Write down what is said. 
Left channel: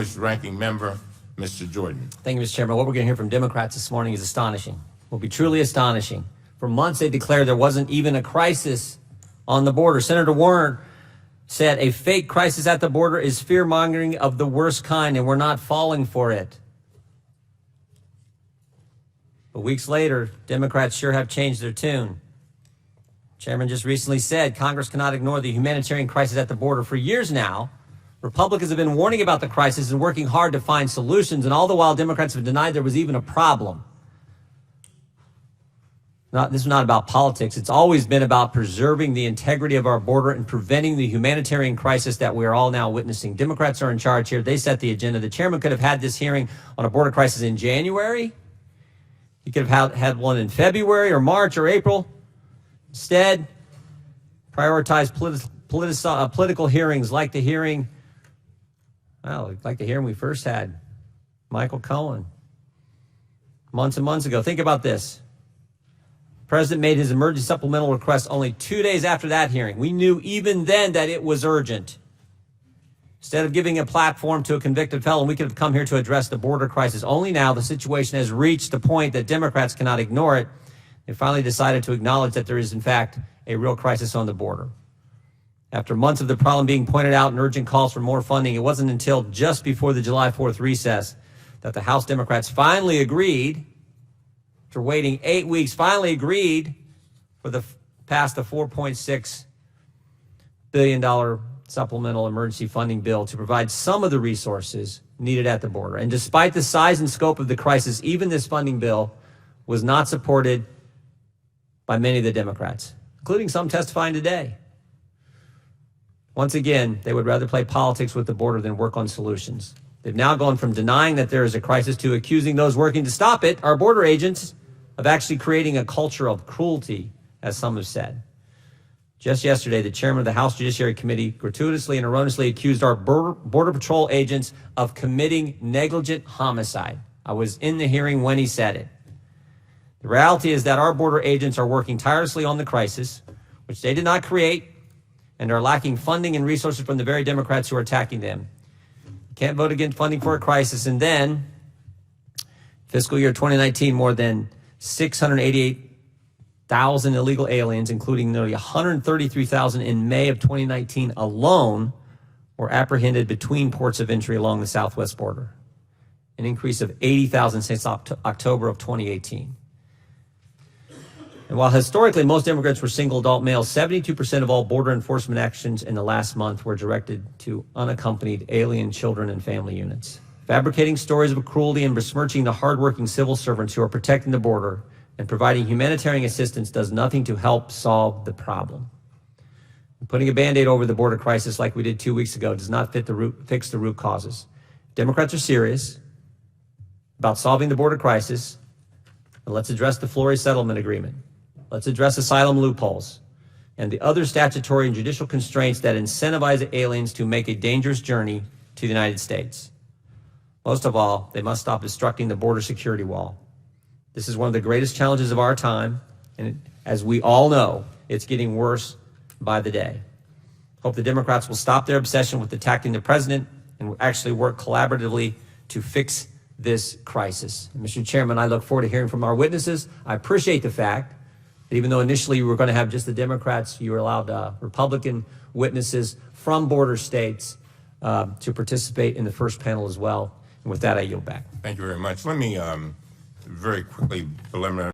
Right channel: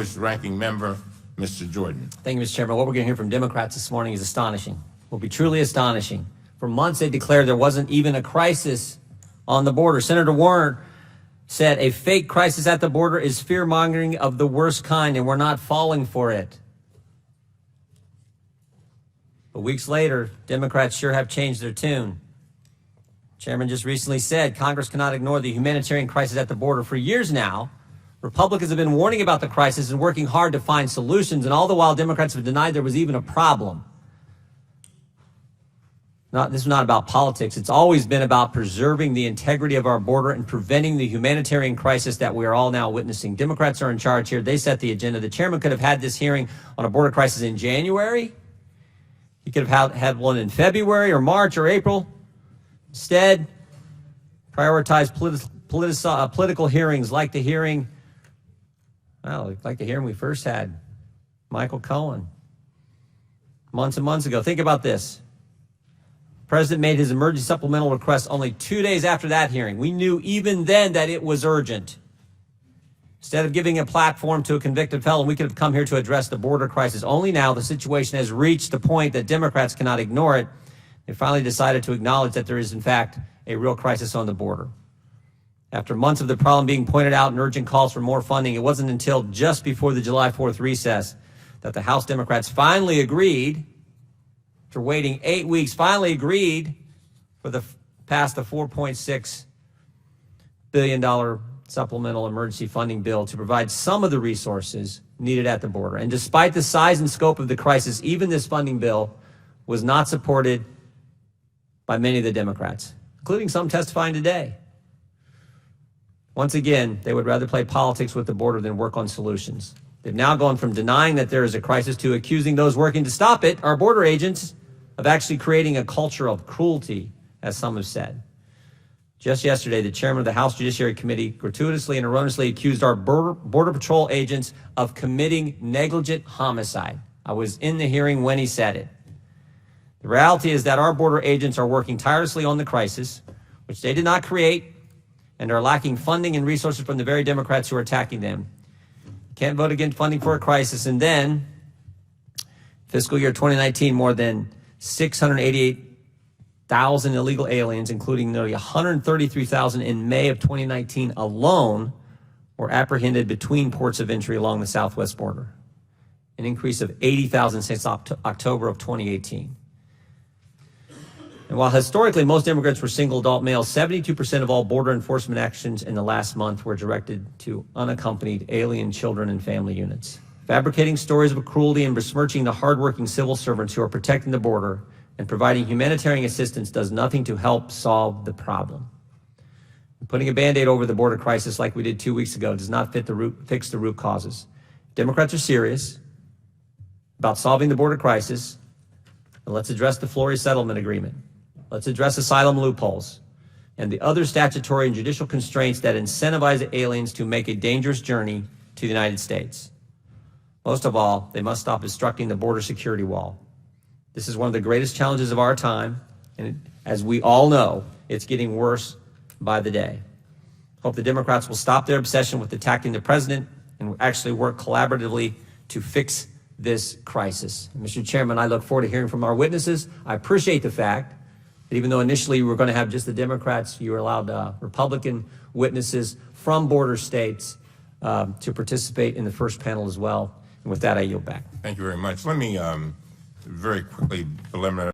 Distinguished Ranking Member, Mr. Jordan. Thank you, Mr. Chairman. What we're going to hear from Democrats this morning is astonishing. Will be truly astonishing. For months, they declared there wasn't even a crisis on the border. Senator Warner said a fake crisis at the border is fear-mongering of the worst kind, and we're not falling for it. But weeks later, Democrats sure have changed their tune. Chairman just recently said Congress cannot ignore the humanitarian crisis at the border. For years now, Republicans have been warning about the crisis and working hard to find solutions, and all the while Democrats have denied there was even a problem. This is not about politics. It's always been about preserving the integrity of our border and preventing the humanitarian crisis that we are all now witnessing. Democrats are in charge here. They set the agenda. The chairman could have had this hearing on a border crisis in January. He could have had one in February or March or April. Instead, prioritize political hearings like the hearing we first had, Michael Cohen, months and months ago. Think about this. The president made his emergency supplemental request only 2 days after that hearing. We knew even then that it was urgent. Instead of giving a platform to a convicted felon, we could have come here to address the border crisis. Only now the situation has reached the point that Democrats cannot ignore it. They finally decided to acknowledge that there is, in fact, a real crisis on the border. After months of the problem being pointed out and urgent calls for more funding, it wasn't until just before the July 4th recess that the House Democrats finally agreed, after waiting 8 weeks, finally agreed to pass the $4.6 billion supplemental emergency funding bill to provide some of the resources needed at the border. And despite the size and scope of the crisis, even this funding bill was not supported by many of the Democrats, including some testifying today. Once again, they would rather play politics with the border than work on solutions. They've now gone from denying that there is a crisis to accusing those working to stop it, our border agents, of actually creating a culture of cruelty, as some have said. Just yesterday, the chairman of the House Judiciary Committee gratuitously and erroneously accused our Border Patrol agents of committing negligent homicide. I was in the hearing when he said it. The reality is that our border agents are working tirelessly on the crisis, which they did not create, and are lacking funding and resources from the very Democrats who are attacking them. You can't vote against funding for a crisis, and then fiscal year 2019, more than 688,000 illegal aliens, including nearly 133,000 in May of 2019 alone, were apprehended between ports of entry along the southwest border, an increase of 80,000 since October of 2018. And while historically most immigrants were single adult males, 72% of all border enforcement actions in the last month were directed to unaccompanied alien children and family units. Fabricating stories of cruelty and besmirching the hardworking civil servants who are protecting the border and providing humanitarian assistance does nothing to help solve the problem. And putting a Band-Aid over the border crisis like we did 2 weeks ago does not fix the root causes. Democrats are serious about solving the border crisis. And let's address the Flores settlement agreement. Let's address asylum loopholes and the other statutory and judicial constraints that incentivize aliens to make a dangerous journey to the United States. Most of all, they must stop obstructing the border security wall. This is one of the greatest challenges of our time, and as we all know, it's getting worse by the day. Hope the Democrats will stop their obsession with attacking the president and actually work collaboratively to fix this crisis. And Mr. Chairman, I look forward to hearing from our witnesses. I appreciate the fact that even though initially we were going to have just the Democrats, you were allowed Republican witnesses from border states to participate in the first panel as well. And with that, I yield back. Thank you very much. Let me very quickly preliminary